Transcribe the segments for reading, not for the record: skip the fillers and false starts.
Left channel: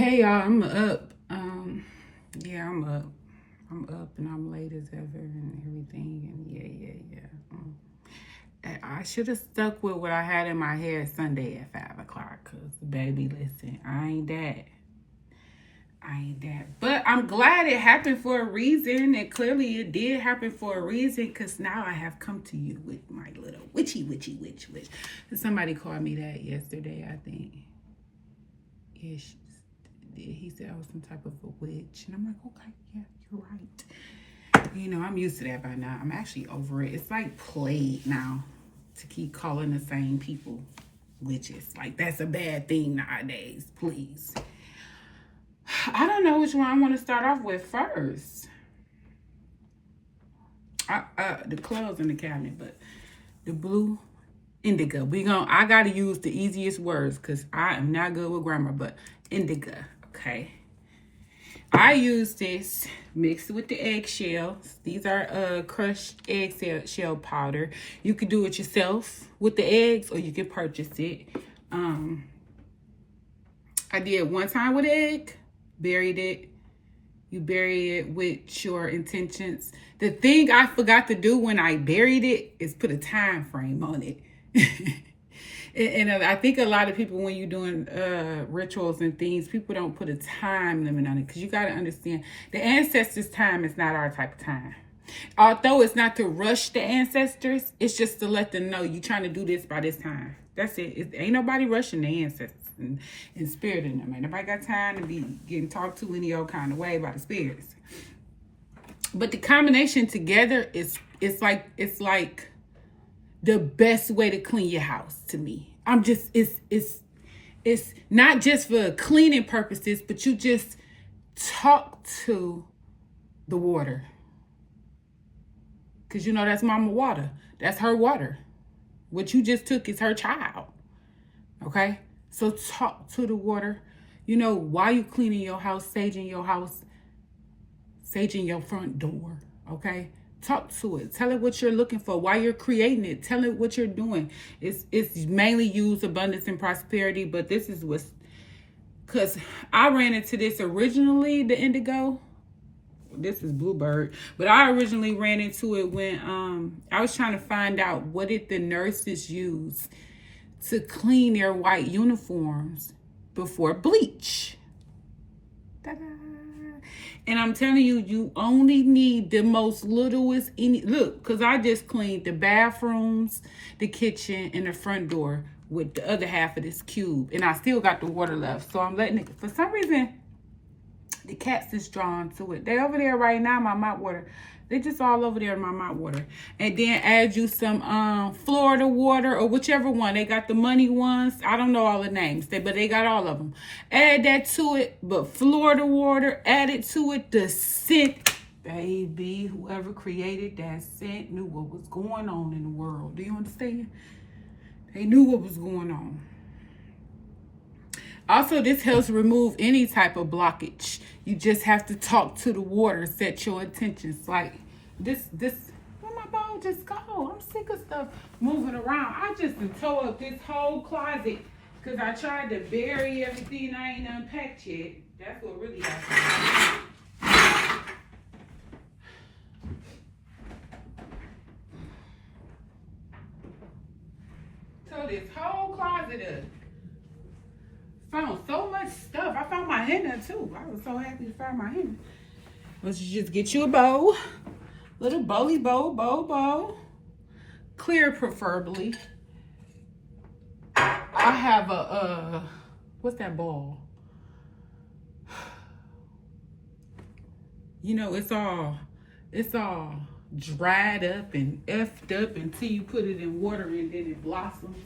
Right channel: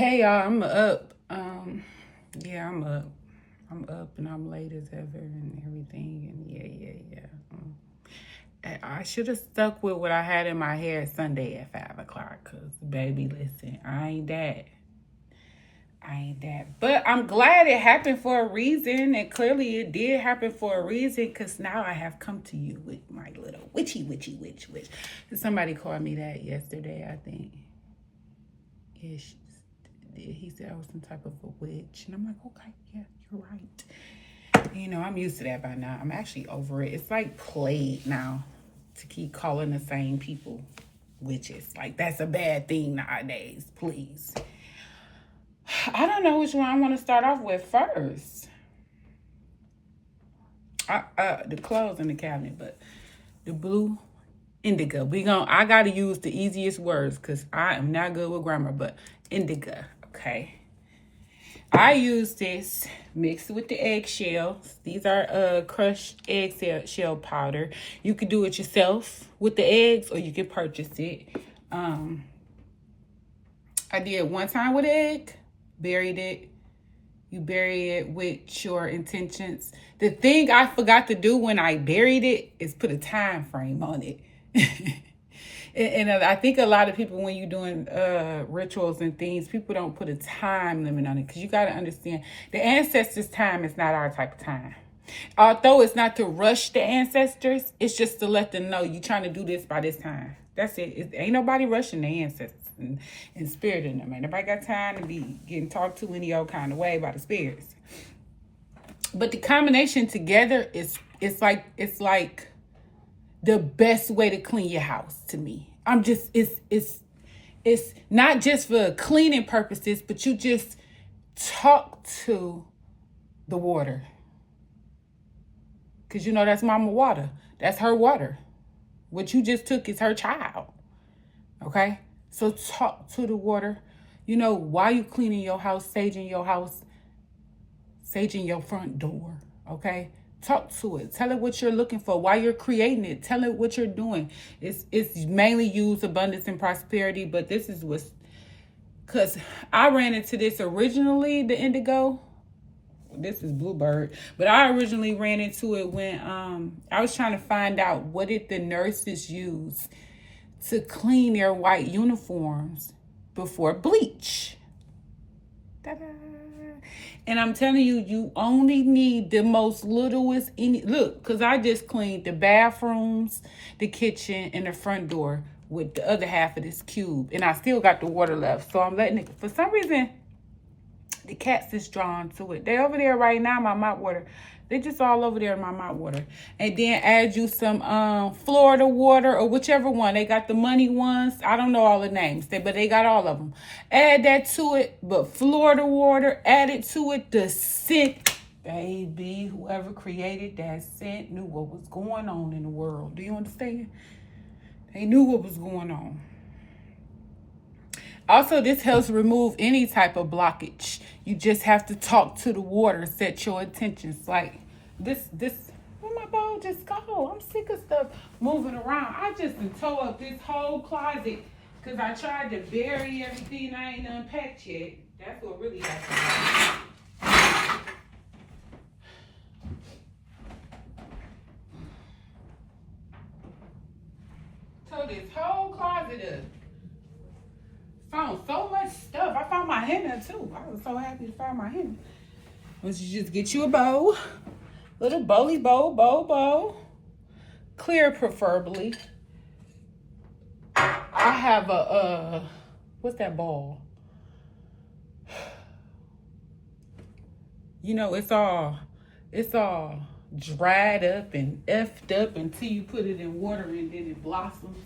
Hey y'all, I'm up. Yeah, I'm up. I'm up and I'm late as ever and everything. And yeah. I should have stuck with what I had in my head Sunday at 5 o'clock. Cause baby, listen, I ain't that. But I'm glad it happened for a reason, and clearly it did happen for a reason. Cause now I have come to you with my little witch. Somebody called me that yesterday, I think. Ish. He said I was some type of a witch. And I'm like, okay, yeah, you're right. You know, I'm used to that by now. I'm actually over it. It's like played now to keep calling the same people witches. Like, that's a bad thing nowadays, please. I don't know which one I want to start off with first. The clothes in the cabinet, but the blue indigo. I gotta use the easiest words because I am not good with grammar, but indigo, okay? I use this mixed with the eggshells. These are crushed eggshell powder. You can do it yourself with the eggs, or you can purchase it. I did one time with egg, buried it. You bury it with your intentions. The thing I forgot to do when I buried it is put a time frame on it. And I think a lot of people, when you're doing rituals and things, people don't put a time limit on it, because you got to understand the ancestors' time is not our type of time. Although it's not to rush the ancestors, it's just to let them know you're trying to do this by this time. That's it. Ain't nobody rushing the ancestors and spirit in them. Ain't nobody got time to be getting talked to any old kind of way by the spirits. But the combination together it's like the best way to clean your house to me. It's not just for cleaning purposes, but you just talk to the water. Because you know that's mama water. That's her water. What you just took is her child. Okay? So talk to the water. You know, while you cleaning your house, saging your house, saging your front door. Okay? Talk to it. Tell it what you're looking for. While you're creating it, tell it what you're doing. It's mainly used abundance and prosperity, but this is what's, because I ran into this originally, the indigo. This is bluebird, but I originally ran into it when I was trying to find out what did the nurses use to clean their white uniforms before bleach. Ta-da. And I'm telling you, you only need the most littlest. Look, because I just cleaned the bathrooms, the kitchen, and the front door with the other half of this cube. And I still got the water left. So I'm letting it, for some reason, the cats is drawn to it. They over there right now, my mop water. They just all over there in my mop water. And then add you some Florida water or whichever one. They got the money ones. I don't know all the names, but they got all of them. Add that to it, but Florida water, add it to it. The scent, baby, whoever created that scent knew what was going on in the world. Do you understand? They knew what was going on. Also, this helps remove any type of blockage. You just have to talk to the water, set your intentions. Like this, where my bowl just go? I'm sick of stuff moving around. I just tore up this whole closet because I tried to bury everything I ain't unpacked yet. That's what really happened. Tore this whole closet up. Found so much stuff. I found my henna too. I was so happy to find my henna. But you just get you a bowl, little bowly bowl, clear preferably. I have a what's that ball? You know, it's all dried up and effed up until you put it in water and then it blossoms.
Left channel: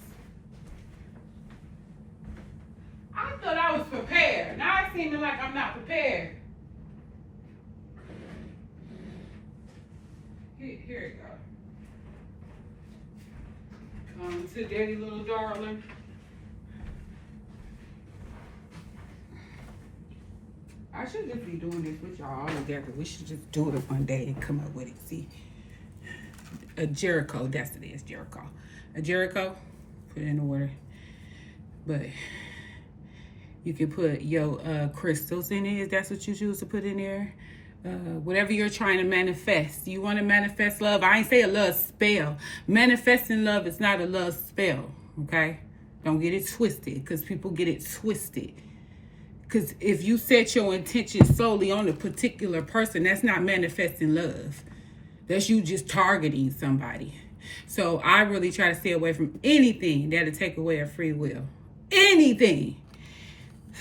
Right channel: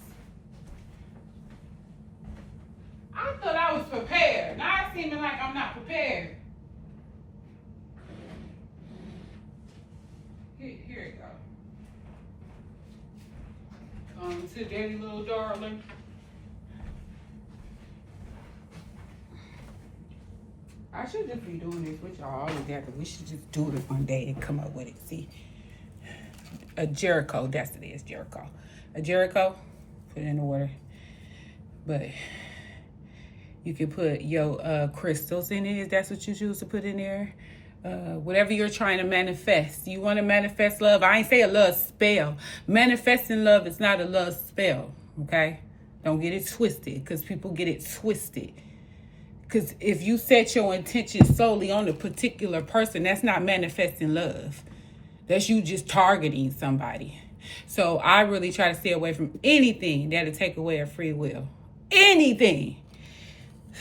I thought I was prepared. Now it's seeming like I'm not prepared. Here it goes. To daddy little darling. I should just be doing this with y'all all together. We should just do it one day and come up with it. See, a Jericho. That's it is Jericho. A Jericho. Put it in the water. But You can put your crystals in it if that's what you choose to put in there. Whatever you're trying to manifest. You want to manifest love. I ain't say a love spell. Manifesting love is not a love spell, okay? Don't get it twisted, because people get it twisted. Because if you set your intention solely on a particular person, that's not manifesting love. That's you just targeting somebody. So I really try to stay away from anything that'll take away a free will. Anything.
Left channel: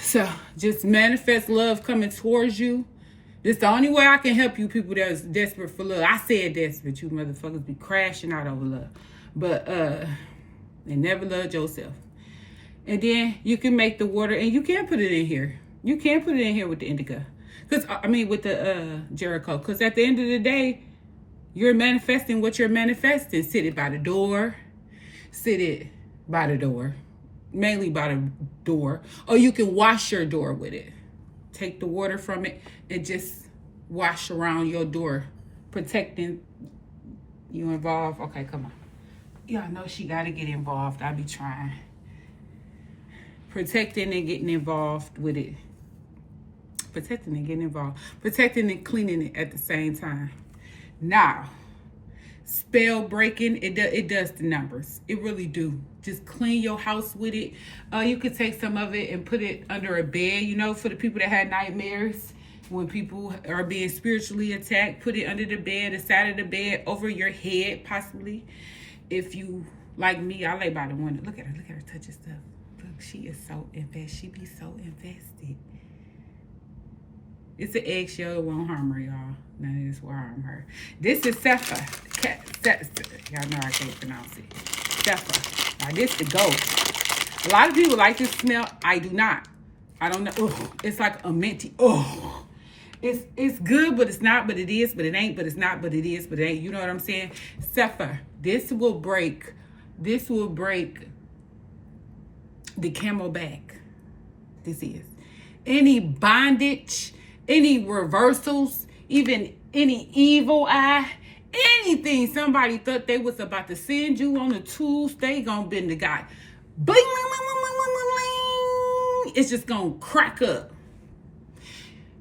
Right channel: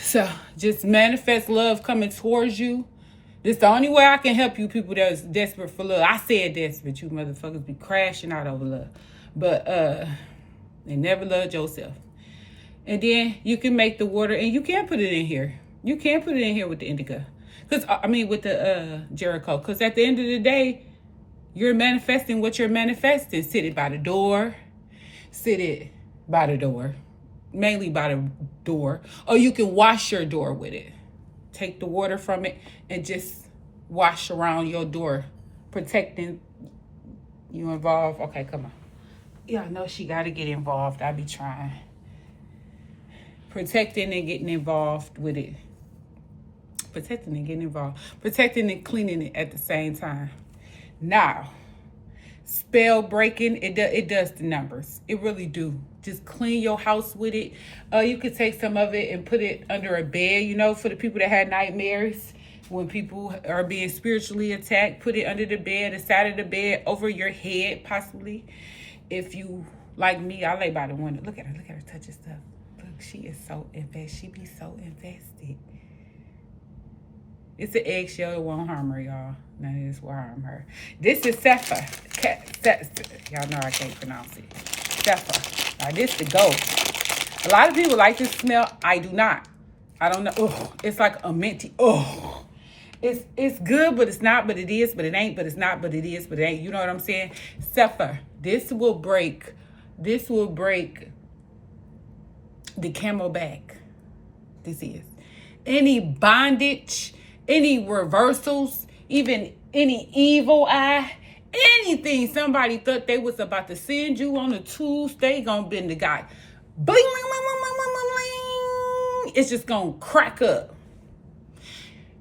So just manifest love coming towards you. This the only way I can help you people that's desperate for love. I said desperate. You motherfuckers be crashing out over love. But they never loved yourself. And then you can make the water, and you can put it in here. You can put it in here with the indica. With the Jericho. Because at the end of the day, you're manifesting what you're manifesting. Sit it by the door. Sit it by the door. Mainly by the door. Or you can wash your door with it. Take the water from it and just wash around your door, protecting you involved. Okay, come on. Y'all know she got to get involved. I be trying. Protecting and getting involved with it. Protecting and getting involved. Protecting and cleaning it at the same time. Now, spell breaking, it does the numbers. It really do. Just clean your house with it. You could take some of it and put it under a bed, for the people that had nightmares. When people are being spiritually attacked, put it under the bed, the side of the bed, over your head, possibly. If you, like me, I lay by the window. Look at her touching stuff. Look, she is so invested. She be so invested. It's an eggshell. It won't harm her, y'all. None of this will harm her. This is Sephir. Y'all know I can't pronounce it. Sephir. Now, this the goat. A lot of people like this smell. I do not. I don't know. Oh, it's like a minty. Oh, it's good, but it's not. But it is. But it ain't. But it's not. But it is. But it ain't. You know what I'm saying? Sephir. This will break the camel back. This is any bondage, any reversals, even any evil eye. Anything somebody thought they was about to send you on a Tuesday, gonna bend the guy. Bling, bling, bling, bling, bling, bling, bling. It's just gonna crack up.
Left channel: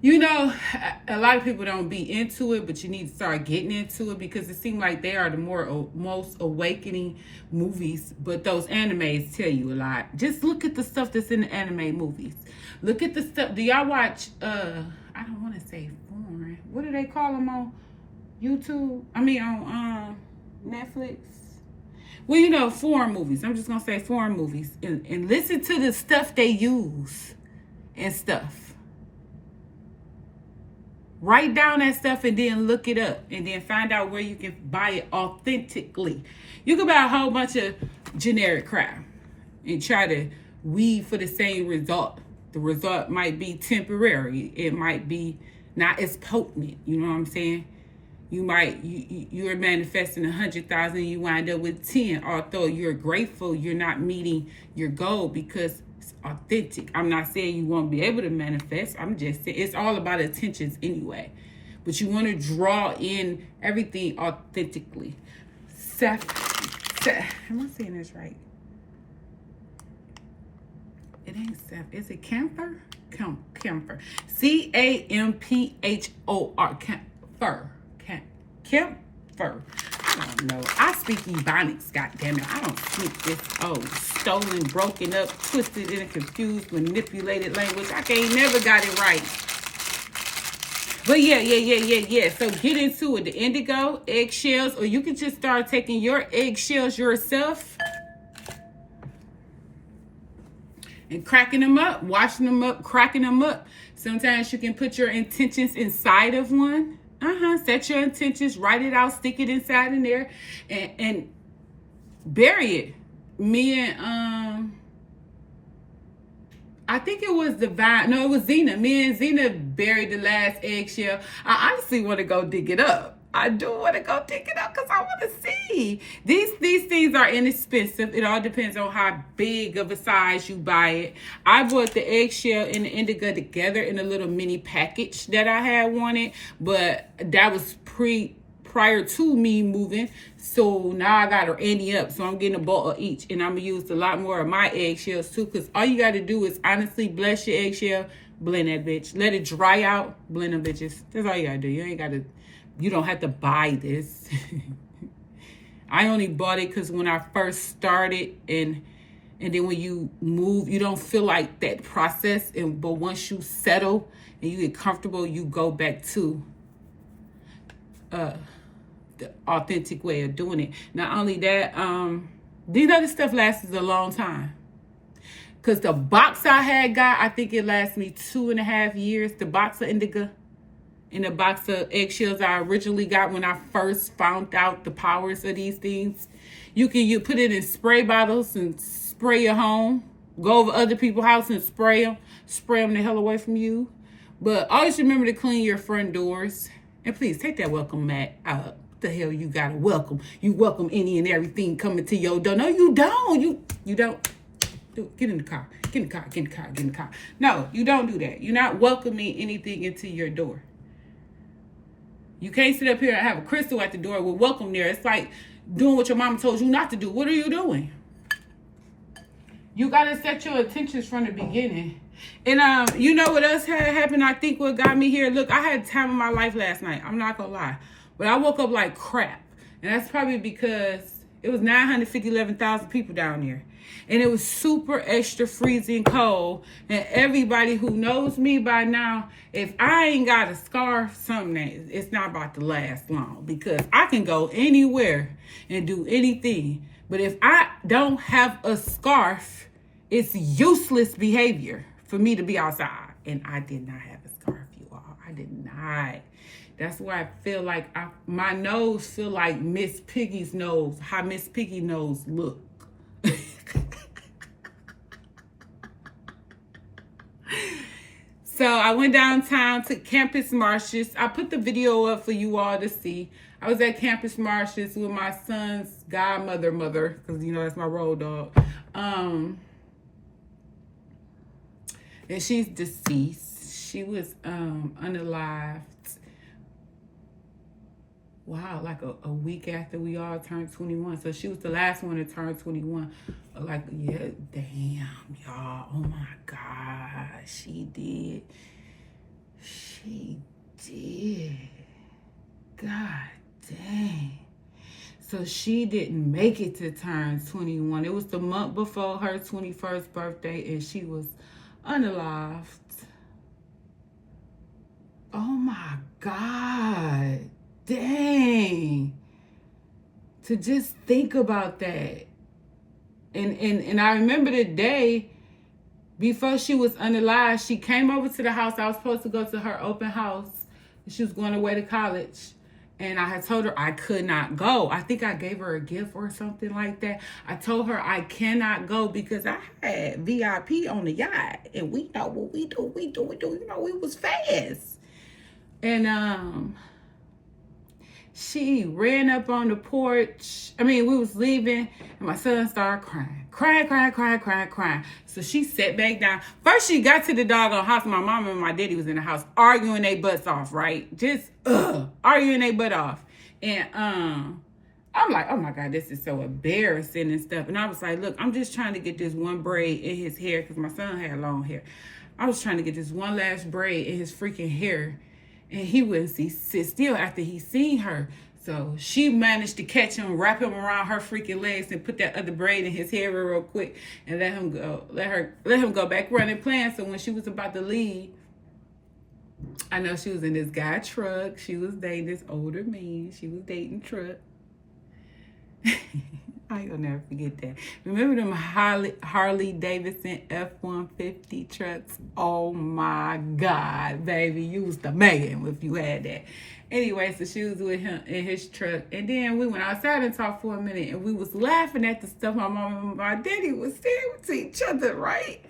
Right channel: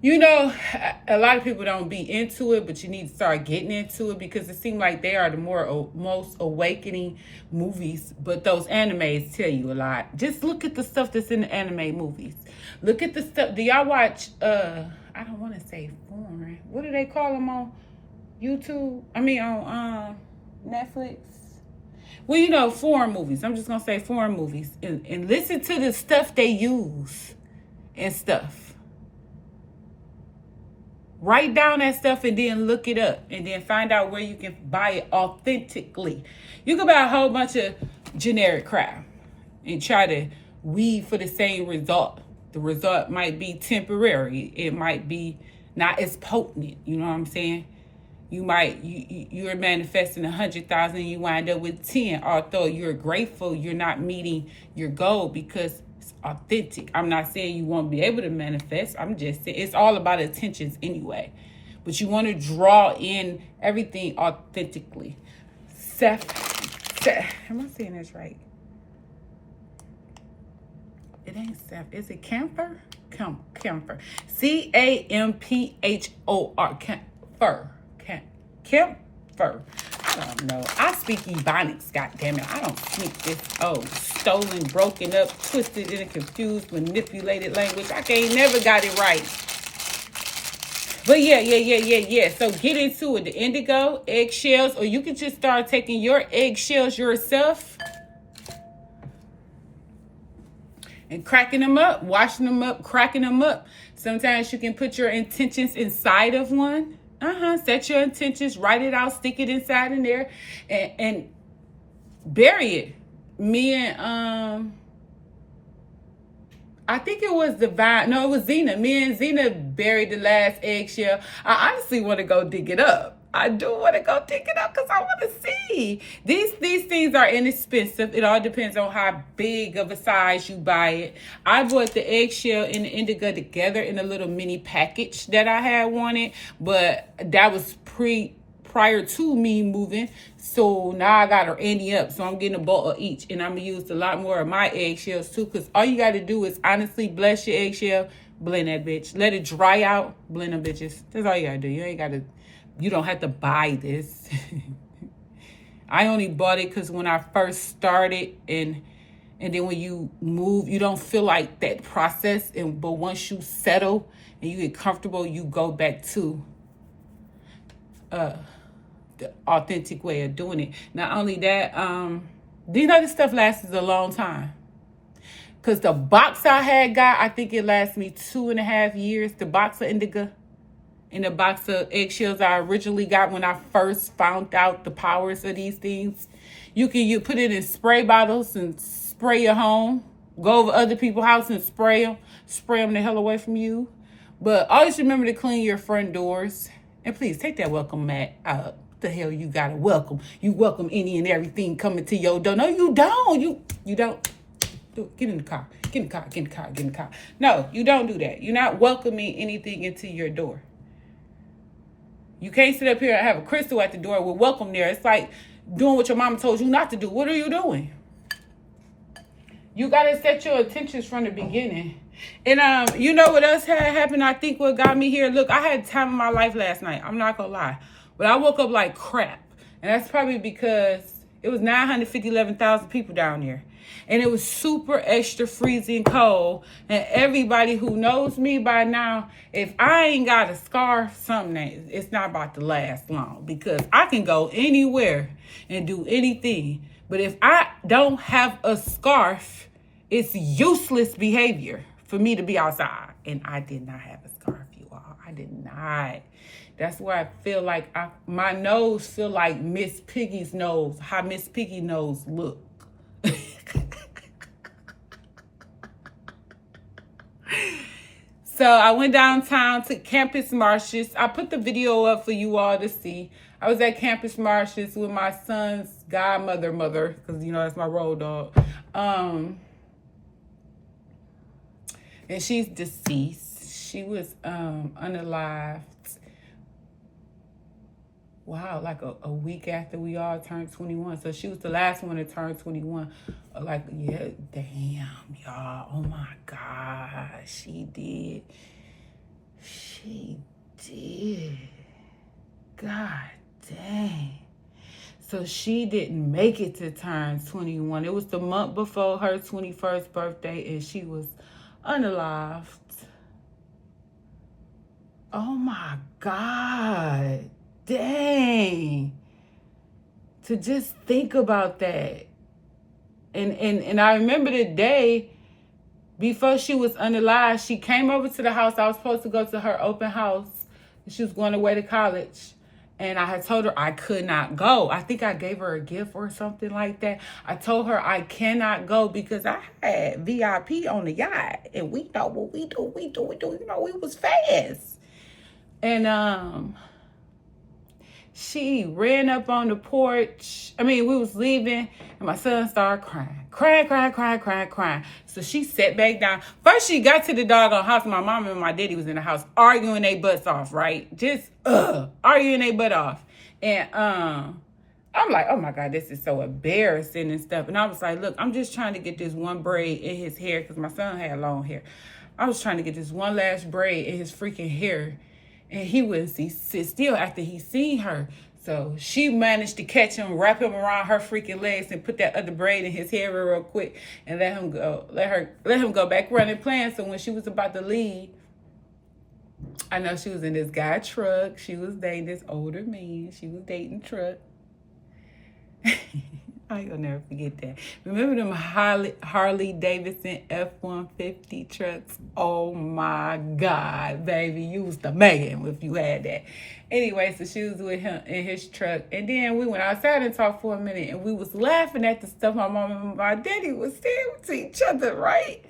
A lot of people don't be into it, but you need to start getting into it because it seems like they are the most awakening movies. But those animes tell you a lot. Just look at the stuff that's in the anime movies. Look at the stuff. Do y'all watch, I don't want to say foreign. What do they call them on YouTube? On Netflix? Well, foreign movies. I'm just going to say foreign movies. And listen to the stuff they use and stuff. Write down that stuff and then look it up. And then find out where you can buy it authentically. You can buy a whole bunch of generic crap and try to weave for the same result. The result might be temporary. It might be not as potent. You know what I'm saying? You're manifesting 100,000, you wind up with 10. Although you're grateful, you're not meeting your goal because it's authentic. I'm not saying you won't be able to manifest. I'm just saying it's all about intentions anyway. But you want to draw in everything authentically. Am I saying this right? It ain't Seth. Is it Camphor? Camphor. Camphor. Camphor. I don't know. I speak Ebonics, goddammit. I don't speak this stolen, broken up, twisted, and confused, manipulated language. I never got it right. But yeah. So get into it. The indigo, eggshells, or you can just start taking your eggshells yourself and cracking them up, washing them up, cracking them up. Sometimes you can put your intentions inside of one. Set your intentions, write it out, stick it inside in there, and bury it. I think it was Divine. No, it was Zena. Me and Zena buried the last eggshell. I honestly want to go dig it up. I do want to go dig it up because I want to see. These things are inexpensive. It all depends on how big of a size you buy it. I bought the eggshell and the indigo together in a little mini package that I had wanted, but that was prior to me moving. So now I got her ante up. So I'm getting a bowl of each. And I'm going to use a lot more of my eggshells too. Because all you got to do is honestly bless your eggshell. Blend that bitch. Let it dry out. Blend them bitches. That's all you got to do. You don't have to buy this. I only bought it because when I first started and then when you move, you don't feel like that process. But once you settle and you get comfortable, you go back to the authentic way of doing it. Not only that, these other stuff lasts a long time. Because the box I had got, I think it lasted me 2.5 years. The box of indigo and the box of eggshells I originally got when I first found out the powers of these things. You put it in spray bottles and spray your home. Go over other people's house and spray them the hell away from you. But always remember to clean your front doors. And please take that welcome mat out. What the hell you gotta welcome? You welcome any and everything coming to your door. No, you don't. You don't. Get in the car. Get in the car. Get in the car. Get in the car. No, you don't do that. You're not welcoming anything into your door. You can't sit up here and have a crystal at the door with welcome there. It's like doing what your mama told you not to do. What are you doing? You got to set your intentions from the beginning. And you know what else had happened? I think what got me here. Look, I had the time of my life last night. I'm not going to lie. But I woke up like crap. And that's probably because it was 11,000 people down there. And it was super extra freezing cold. And everybody who knows me by now, if I ain't got a scarf, it's not about to last long. Because I can go anywhere and do anything. But if I don't have a scarf, it's useless behavior for me to be outside. And I did not have a scarf, you all. I did not. That's why I feel like my nose feel like Miss Piggy's nose. How Miss Piggy nose look. So I went downtown to Campus Martius. I put the video up for you all to see. I was at Campus Martius with my son's godmother, because you know that's my road dog. And she's deceased. She was unalived. Wow, like a week after we all turned 21. So she was the last one to turn 21. Like, yeah, damn, y'all. Oh my God, she did. She did. God dang. So she didn't make it to turn 21. It was the month before her 21st birthday, and she was unalived. Oh my God. Dang. To just think about that. And I remember the day before she was unalived, she came over to the house. I was supposed to go to her open house. She was going away to college. And I had told her I could not go. I think I gave her a gift or something like that. I told her I cannot go because I had VIP on the yacht. And we know what we do. You know, we was fast. And she ran up on the porch. We was leaving, and my son started crying. So she sat back down. First, she got to the doggone house. My mama and my daddy was in the house arguing their butts off, right? Just arguing their butt off. And I'm like, oh my God, this is so embarrassing and stuff. And I was like, look, I'm just trying to get this one braid in his hair because my son had long hair. I was trying to get this one last braid in his freaking hair. And he wouldn't sit still after he seen her. So she managed to catch him, wrap him around her freaking legs, and put that other braid in his hair real quick, and let him go. Let him go back running, playing. So when she was about to leave, I know she was in this guy truck. She was dating this older man. She was dating truck. I'll never forget that. Remember them Harley Davidson F-150 trucks? Oh my God, baby. You was the man if you had that. Anyway, so she was with him in his truck. And then we went outside and talked for a minute. And we was laughing at the stuff my mom and my daddy was saying to each other, right?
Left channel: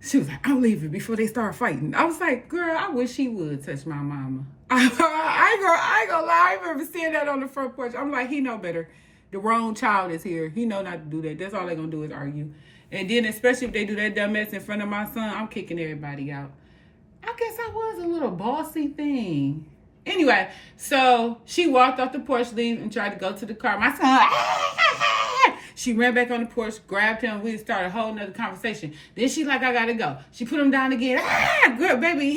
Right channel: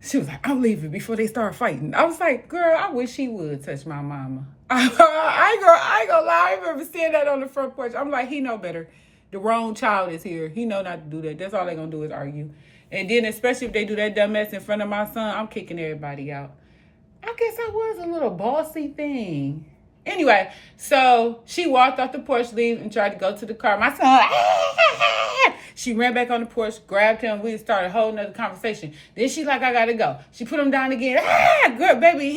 She was like, I'm leaving before they start fighting. I was like, girl, I wish he would touch my mama. I ain't gonna lie. I remember saying that on the front porch. I'm like, he know better. The wrong child is here. He know not to do that. That's all they're going to do is argue. And then especially if they do that dumb mess in front of my son, I'm kicking everybody out. I guess I was a little bossy thing. Anyway, so she walked off the porch, leave, and tried to go to the car. My son, she ran back on the porch, grabbed him. We started a whole nother conversation. Then she like, I gotta go. She put him down again. Girl, baby,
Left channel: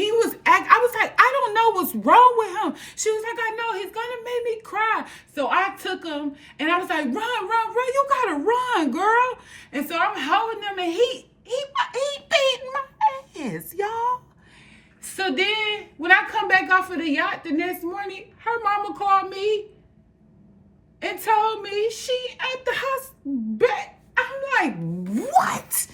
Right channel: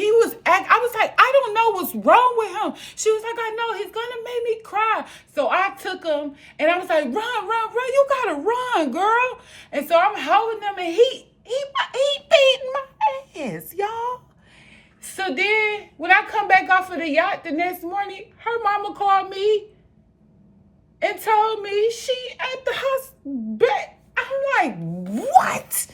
I was like, I don't know what's wrong with him. She was like, I know, he's gonna make me cry. So I took him, and I was like, run, you gotta run, girl. And so I'm holding him, and he beating my ass, y'all. So then, when I come back off of the yacht the next morning, her mama called me and told me she at the hospital. I'm like, what?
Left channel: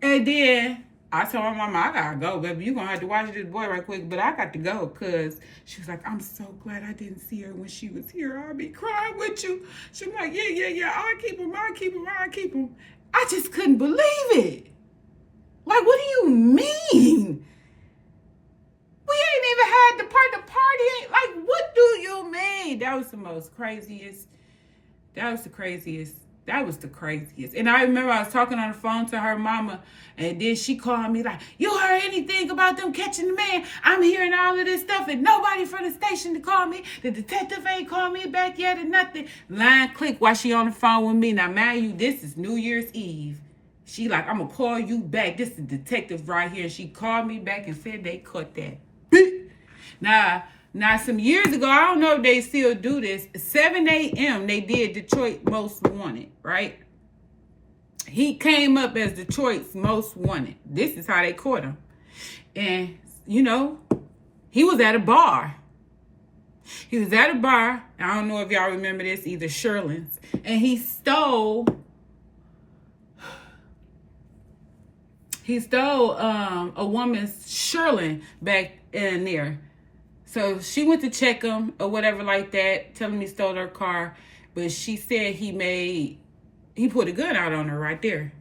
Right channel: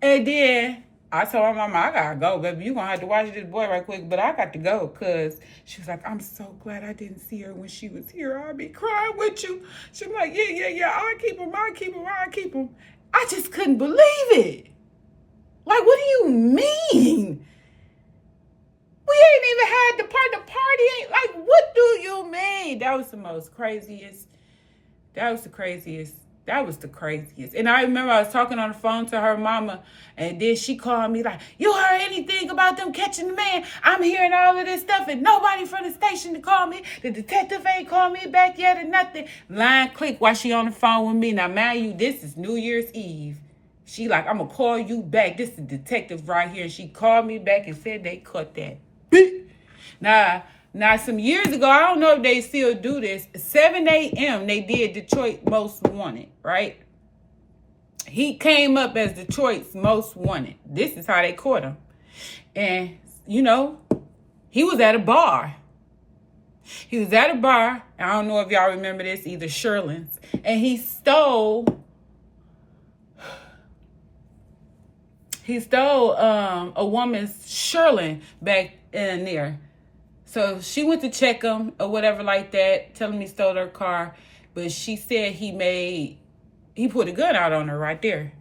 And then I told my mama, I gotta go, baby. You gonna have to watch this boy right quick, but I got to go, because she was like, I'm so glad I didn't see her when she was here. I'll be crying with you. She was like, yeah, I'll keep him. I just couldn't believe it. Like, what do you mean? We ain't even had the party ain't, like, what do you mean? That was the craziest. And I remember I was talking on the phone to her mama, and then she called me like, you heard anything about them catching the man? I'm hearing all of this stuff, and nobody from the station to call me. The detective ain't called me back yet or nothing. Line click while she on the phone with me. Now, mind you, this is New Year's Eve. She like, I'm going to call you back. This is the detective right here. And she called me back and said they caught that. Now, some years ago, I don't know if they still do this. 7 a.m. they did Detroit Most Wanted, right? He came up as Detroit's Most Wanted. This is how they caught him. And, you know, he was at a bar. I don't know if y'all remember this, either Sherlin's. And he stole a woman's Sherlin back in there. So she went to check him or whatever like that, telling him he stole her car. But she said he put a gun out on her right there.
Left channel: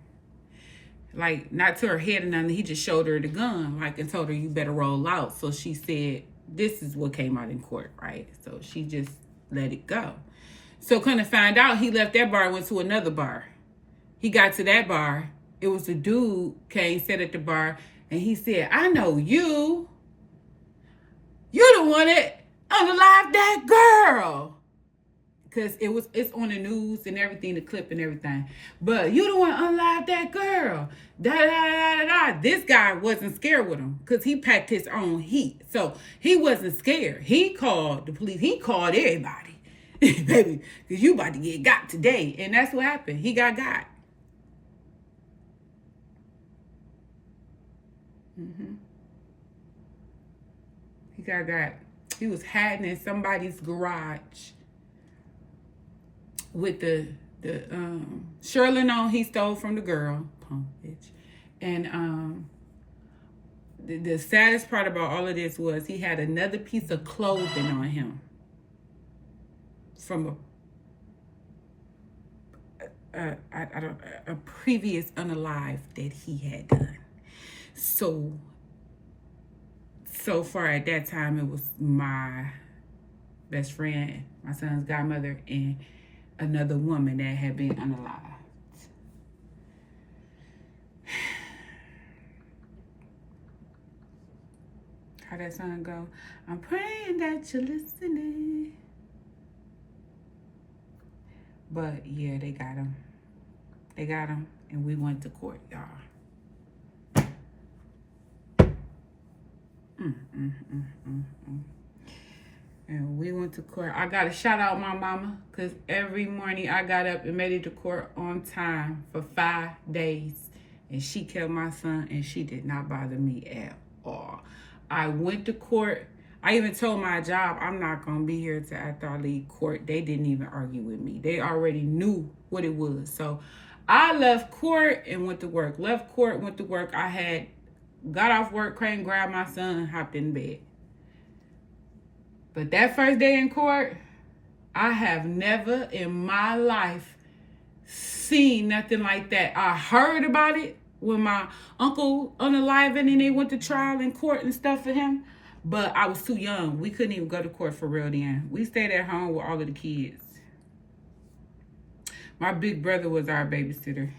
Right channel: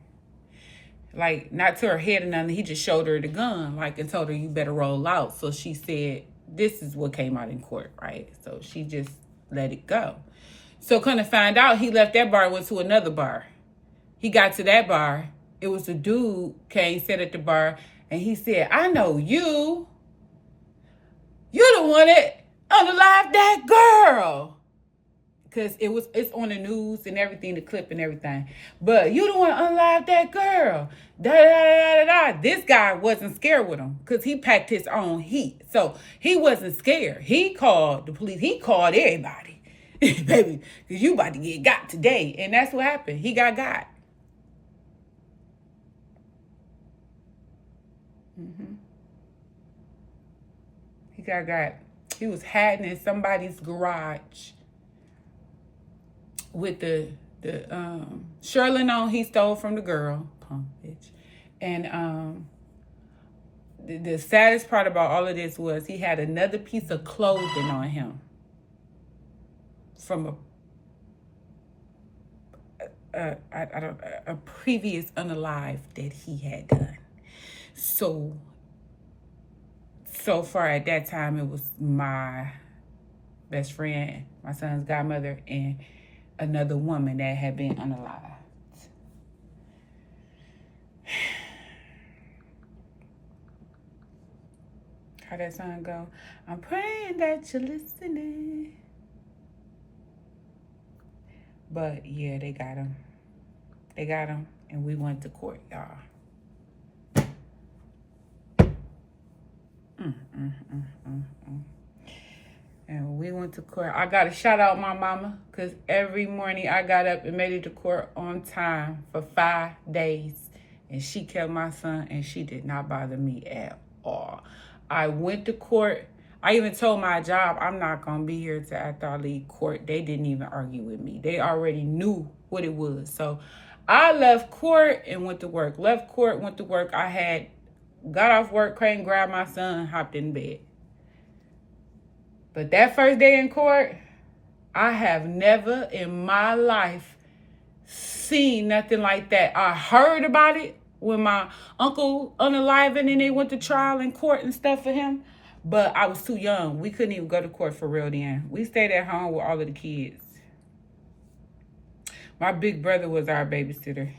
Like, not to her head or nothing. He just showed her the gun, like, and told her, you better roll out. So she said, this is what came out in court, right? So she just let it go. So kind of find out, he left that bar and went to another bar. He got to that bar. It was a dude came, sat at the bar, and he said, I know you. You're the one that unalived that girl. Because it's on the news and everything, the clip and everything. But you the one that unalived that girl. This guy wasn't scared with him because he packed his own heat. So he wasn't scared. He called the police. He called everybody. Baby, because you about to get got today. And that's what happened. He got. He got. He was hiding in somebody's garage with the Sherlin on he stole from the girl, punk bitch. And the saddest part about all of this was he had another piece of clothing on him from a previous unalive that he had done. So far at that time, it was my best friend, my son's godmother, and another woman that had been unalived. How that song go? I'm praying that you're listening. But yeah, they got him. And we went to court, y'all. And we went to court. I got to shout out my mama, because every morning I got up and made it to court on time for 5 days. And she kept my son, and she did not bother me at all. I went to court. I even told my job, I'm not going to be here till after I leave court. They didn't even argue with me. They already knew what it was. So I left court and went to work. Left court, went to work. I had got off work, came, grabbed my son, hopped in bed. But that first day in court, I have never in my life seen nothing like that. I heard about it when my uncle unalived and they went to trial in court and stuff for him. But I was too young. We couldn't even go to court for real then. We stayed at home with all of the kids. My big brother was our babysitter.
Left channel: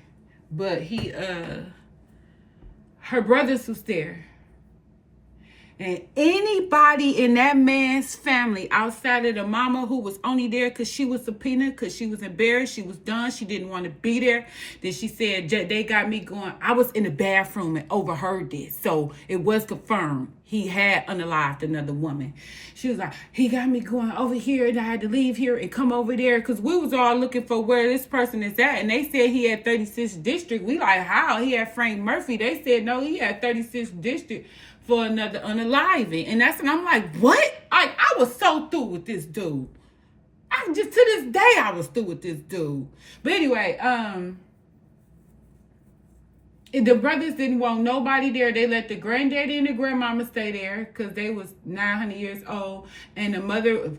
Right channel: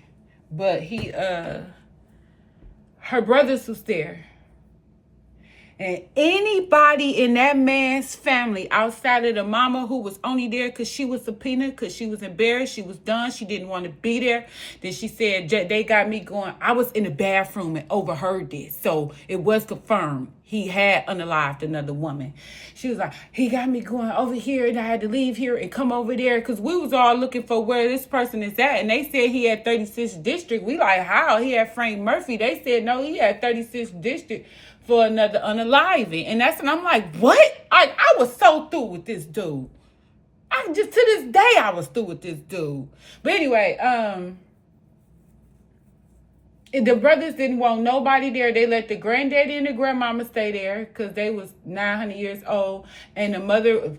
But her brothers was there. And anybody in that man's family outside of the mama who was only there because she was subpoenaed, because she was embarrassed, she was done, she didn't want to be there. Then she said, they got me going. I was in the bathroom and overheard this. So it was confirmed. He had unalived another woman. She was like, he got me going over here and I had to leave here and come over there because we was all looking for where this person is at. And they said he had 36th district. We like, how? He had Frank Murphy. They said, no, he had 36th district for another unaliving. And that's when I'm like, what? I was so through with this dude. I just, to this day, I was through with this dude. But anyway, the brothers didn't want nobody there. They let the granddaddy and the grandmama stay there because they was 900 years old. And the mother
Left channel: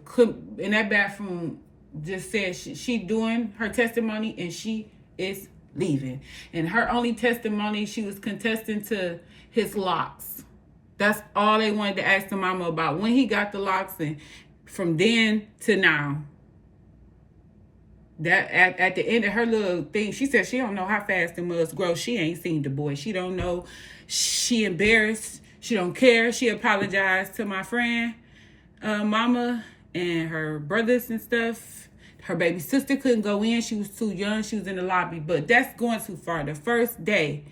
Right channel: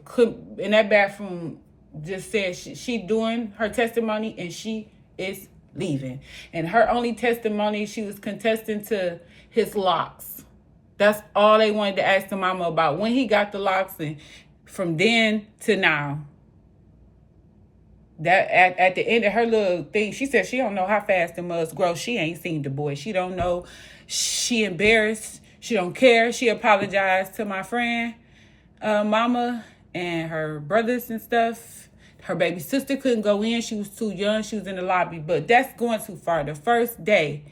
in that bathroom just said she doing her testimony and she is leaving. And her only testimony, she was contesting to his locks. That's all they wanted to ask the mama about, when he got the locks, and from then to now. That at the end of her little thing, she said she don't know how fast the mugs grow. She ain't seen the boy. She don't know. She embarrassed. She don't care. She apologized to my friend, mama, and her brothers and stuff. Her baby sister couldn't go in. She was too young. She was in the lobby. But that's going too far. The first day,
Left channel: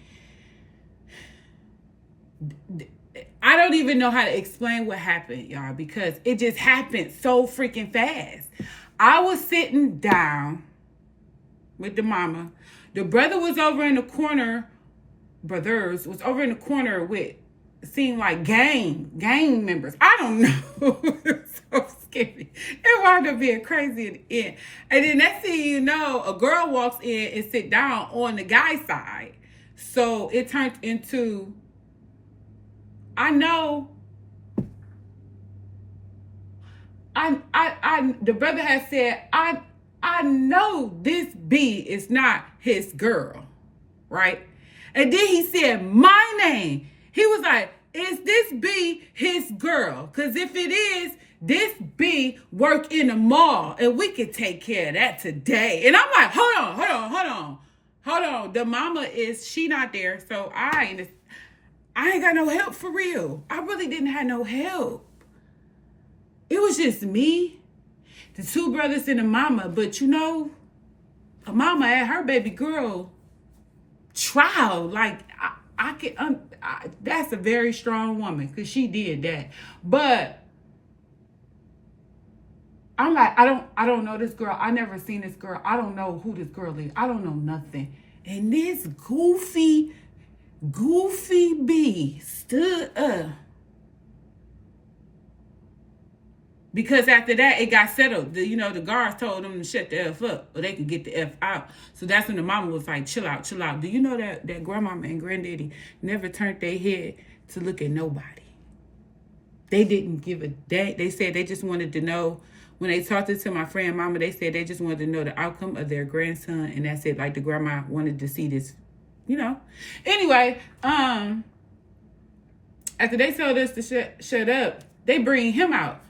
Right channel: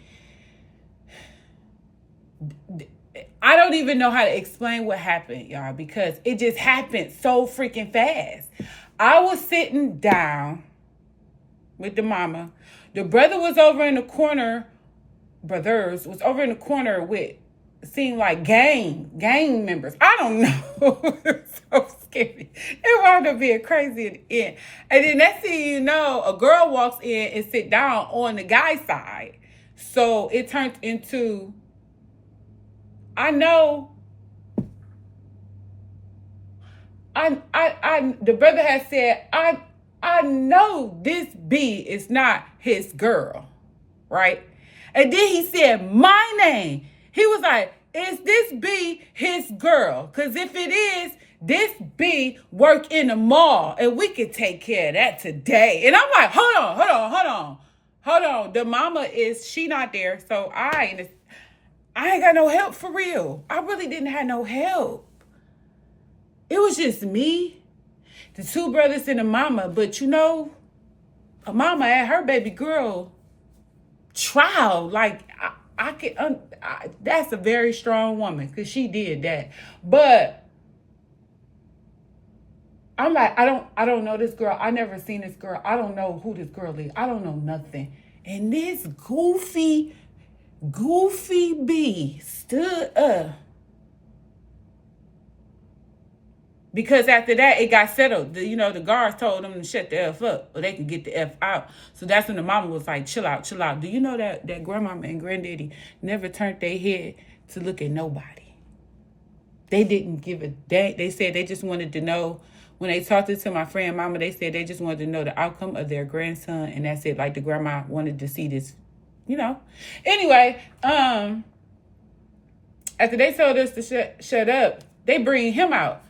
I don't even know how to explain what happened, y'all, because it just happened so freaking fast. I was sitting down with the mama. The brother was over in the corner. Brothers was over in the corner with, seemed like gang members. I don't know. It's so scary. It wound up being crazy in the end. And then next thing you know, a girl walks in and sit down on the guy's side. So it turned into, the brother had said, I know this B is not his girl, right? And then he said my name. He was like, is this B his girl? Because if it is, this B work in the mall and we could take care of that today. And I'm like, hold on. The mama she not there. So I ain't got no help for real. I really didn't have no help. It was just me, the two brothers and a mama. But you know, a mama had her baby girl trial. Like, that's a very strong woman because she did that. But I'm like, I don't know this girl. I never seen this girl. I don't know who this girl is. I don't know nothing. And this goofy B stood up. Because after that, it got settled. The guards told them to shut the F up or they could get the F out. So that's when the mama was like, chill out. Do you know that grandmama and granddaddy never turned their head to look at nobody? They didn't give a damn. They said they just wanted to know. When they talked to my friend mama, they said they just wanted to know the outcome of their grandson. And that's it. Like the grandma wanted to see this, Anyway, after they told us to shut up, they bring him out.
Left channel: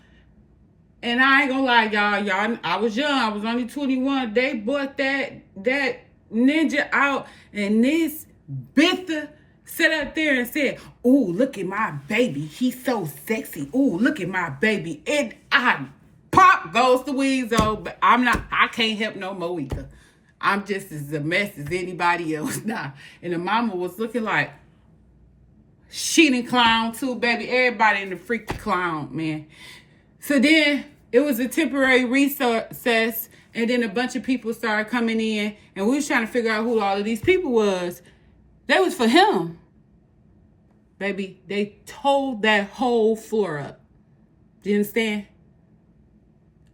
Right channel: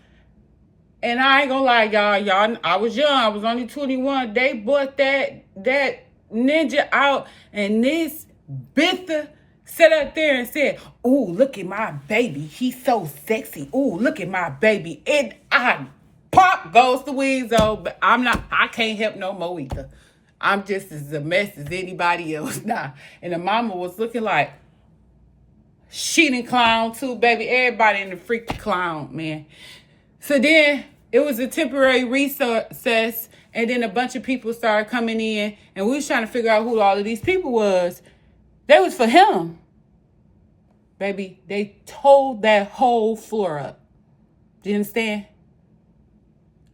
And I ain't gonna lie, y'all, I was young. I was only 21. They brought that ninja out, and this bitch sat up there and said, "Ooh, look at my baby. He's so sexy. Ooh, look at my baby." And I pop goes the weasel, but I can't help no more either. I'm just as a mess as anybody else now. And the mama was looking like she done clown too, baby. Everybody in the freaking clown, man. So then it was a temporary recess, and then a bunch of people started coming in, and we was trying to figure out who all of these people was. That was for him. Baby, they tore that whole floor up. Do you understand?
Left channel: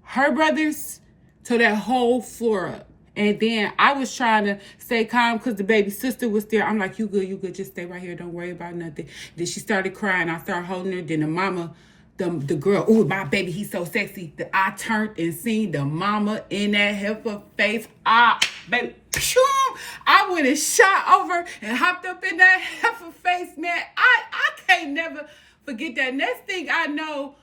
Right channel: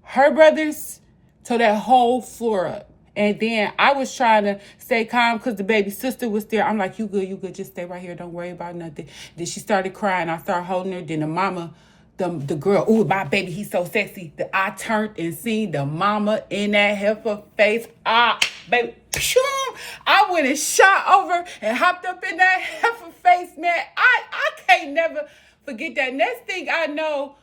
Her brothers tore that whole floor up. And then I was trying to stay calm because the baby sister was there. I'm like, you good, just stay right here. Don't worry about nothing. Then she started crying. I started holding her. Then the mama, the girl, ooh, my baby, he's so sexy. I turned and seen the mama in that heifer face. Baby, I went and shot over and hopped up in that heifer face, man. I can't never forget that. Next thing I know,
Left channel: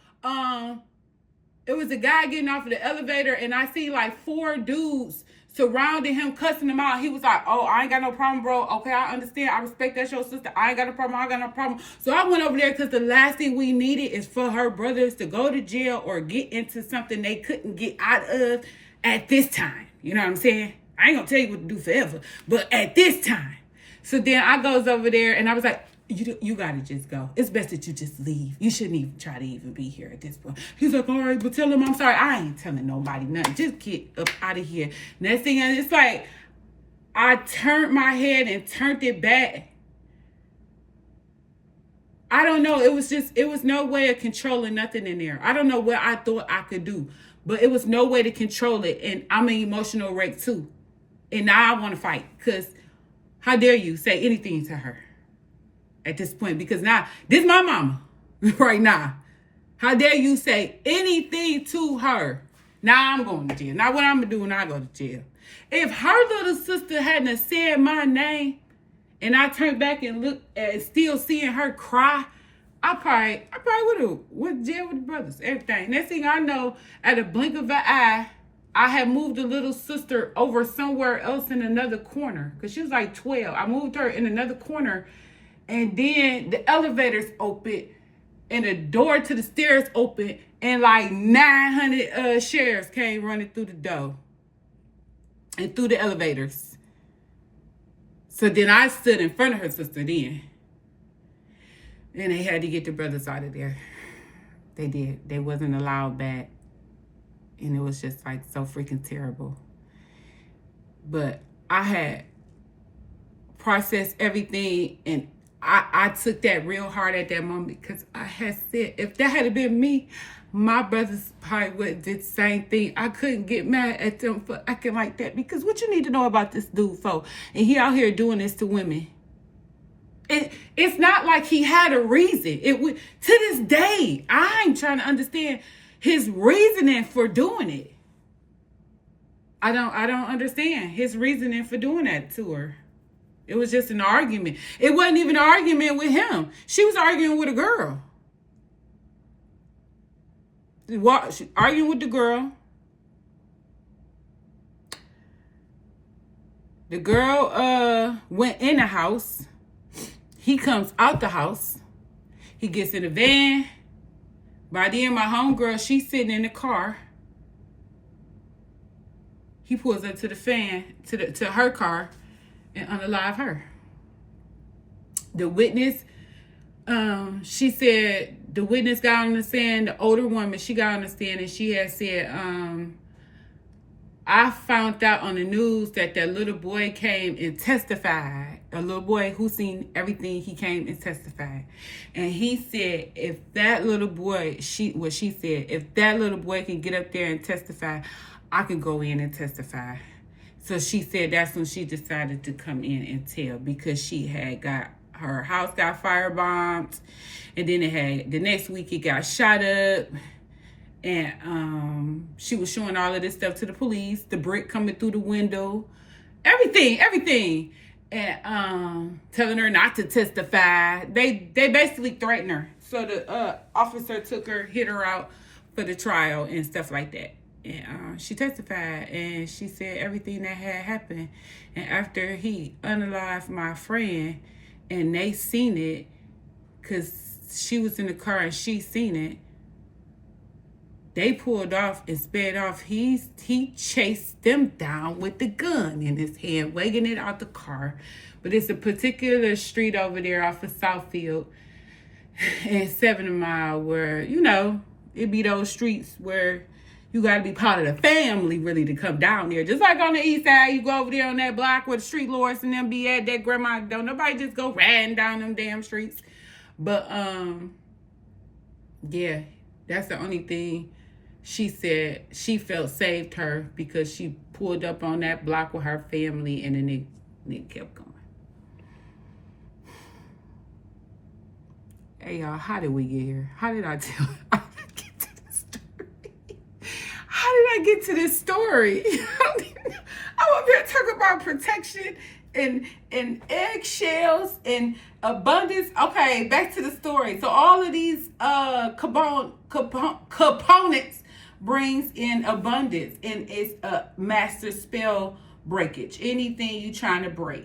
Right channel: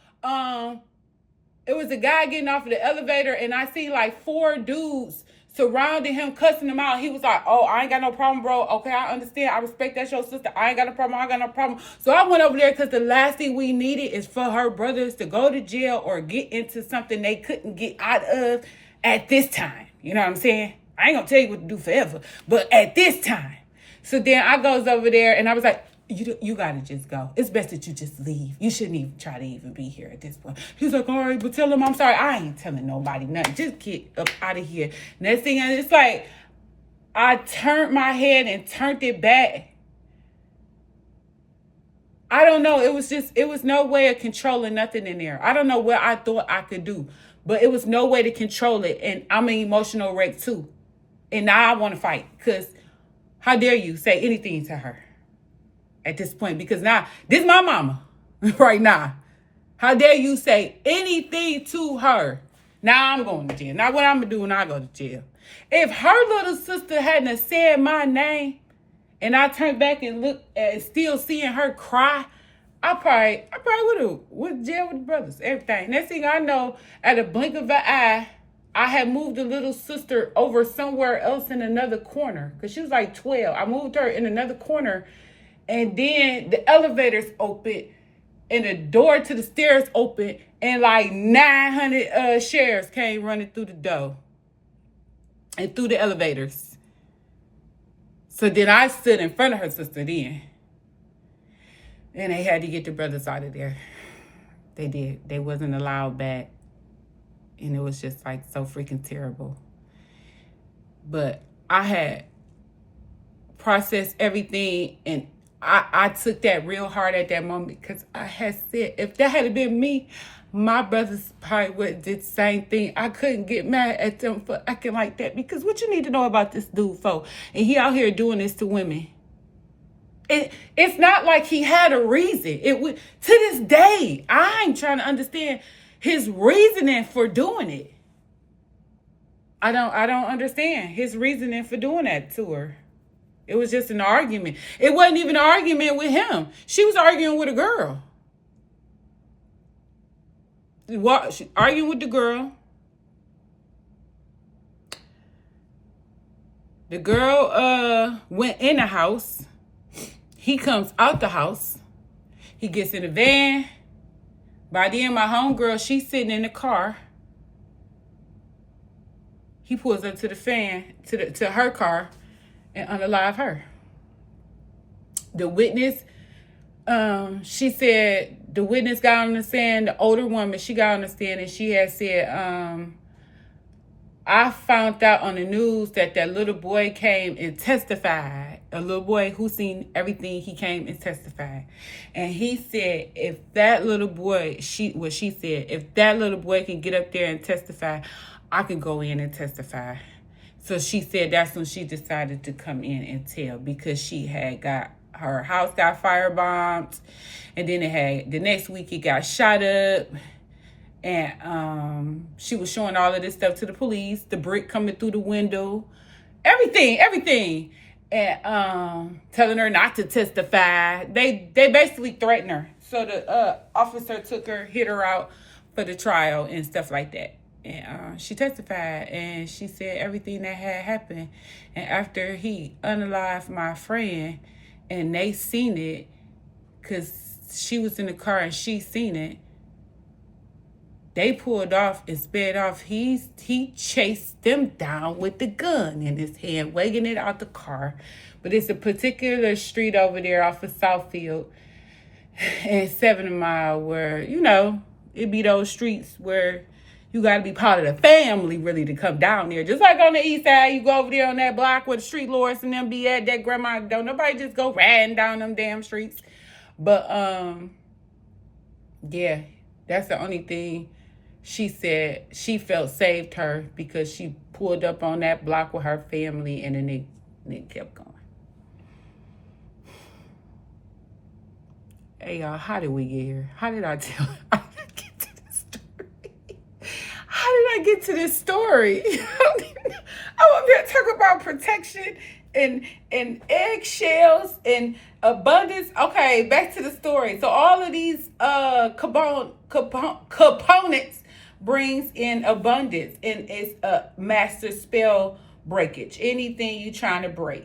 it was a guy getting off of the elevator, and I see like 4 dudes surrounding him, cussing him out. He was like, oh, I ain't got no problem, bro. Okay, I understand. I respect that's your sister. I ain't got no problem. I ain't got no problem. So I went over there because the last thing we needed is for her brothers to go to jail or get into something they couldn't get out of at this time. You know what I'm saying? I ain't going to tell you what to do forever, but at this time. So then I goes over there and I was like, you got to just go. It's best that you just leave. You shouldn't even try to even be here at this point. He's like, all right, but tell him I'm sorry. I ain't telling nobody nothing. Just get up out of here. Next thing, and it's like, I turned my head and turned it back. I don't know. It was no way of controlling nothing in there. I don't know what I thought I could do, but it was no way to control it. And I'm an emotional wreck too. And now I want to fight because how dare you say anything to her? At this point, because now this is my mama right now. How dare you say anything to her? Now I'm going to jail. Now what I'm gonna do when I go to jail? If her little sister hadn't said my name and I turned back and looked at still seeing her cry, I probably would have went to jail with the brothers, everything. Next thing I know, at a blink of an eye, I had moved the little sister over somewhere else in another corner because she was like 12. I moved her in another corner. And then the elevators opened and the door to the stairs opened and like 900 sheriffs came running through the door and through the elevators. So then I stood in front of her sister then. And they had to get the brothers out of there. They did. They wasn't allowed back. And it was just like so freaking terrible. But I had processed everything and I took that real hard at that moment because I had said, if that had been me, my brothers probably would have did the same thing. I couldn't get mad at them for acting like that because what you need to know about this dude for? And he out here doing this to women. It's not like he had a reason. It would, to this day, I'm trying to understand his reasoning for doing it. I don't understand his reasoning for doing that to her. It was just an argument. It wasn't even an argument with him. She was arguing with a girl. She arguing with the girl. The girl went in the house. He comes out the house. He gets in the van. By then, my homegirl, she's sitting in the car. He pulls up to the fan, to her car, and unalive her. The witness, she said, the witness got on the stand, the older woman, she got on the stand and she had said, I found out on the news that little boy came and testified. A little boy who seen everything, he came and testified. And he said, if that little boy, she said, if that little boy can get up there and testify, I can go in and testify. So she said that's when she decided to come in and tell because she had her house got firebombed, and then the next week it got shot up, and she was showing all of this stuff to the police, the brick coming through the window, everything, and telling her not to testify. They basically threatened her. So the officer took her, hit her out for the trial and stuff like that. And she testified and she said everything that had happened. And after he unalived my friend and they seen it, because she was in the car and she seen it, they pulled off and sped off. He chased them down with the gun in his hand, wagging it out the car. But it's a particular street over there off of Southfield and 7 Mile where, you know, it be those streets where you got to be part of the family, really, to come down there. Just like on the east side, you go over there on that block where the street lords and them be at, that grandma, don't nobody just go riding down them damn streets. But, yeah, that's the only thing she said she felt saved her because she pulled up on that block with her family and then it kept going. Hey, y'all, how did we get here? How did I get to this story? I'm up here talking about protection and eggshells and abundance. Okay, back to the story. So all of these components brings in abundance, and it's a master spell breakage. Anything you trying to break.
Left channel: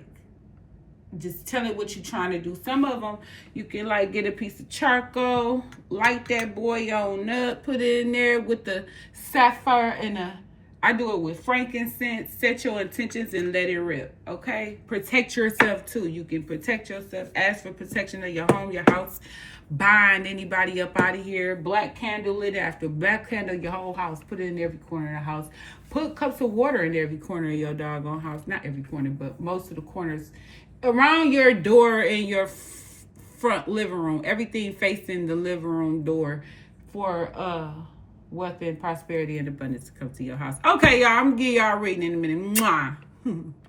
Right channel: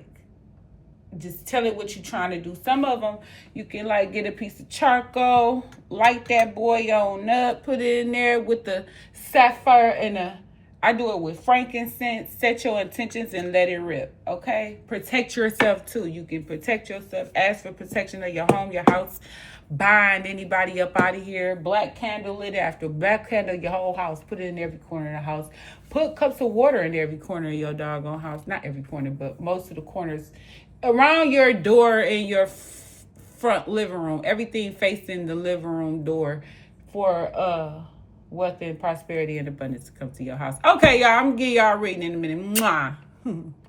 Just tell it what you're trying to do. Some of them, you can like get a piece of charcoal, light that boy on up, put it in there with the sapphire and I do it with frankincense. Set your intentions and let it rip, okay? Protect yourself too. You can protect yourself. Ask for protection of your home, your house. Bind anybody up out of here. Black candle lit after black candle your whole house. Put it in every corner of the house. Put cups of water in every corner of your doggone house. Not every corner, but most of the corners around your door in your front living room. Everything facing the living room door for wealth and prosperity and abundance to come to your house. Okay, y'all, I'm gonna give y'all a reading in a minute. Mwah.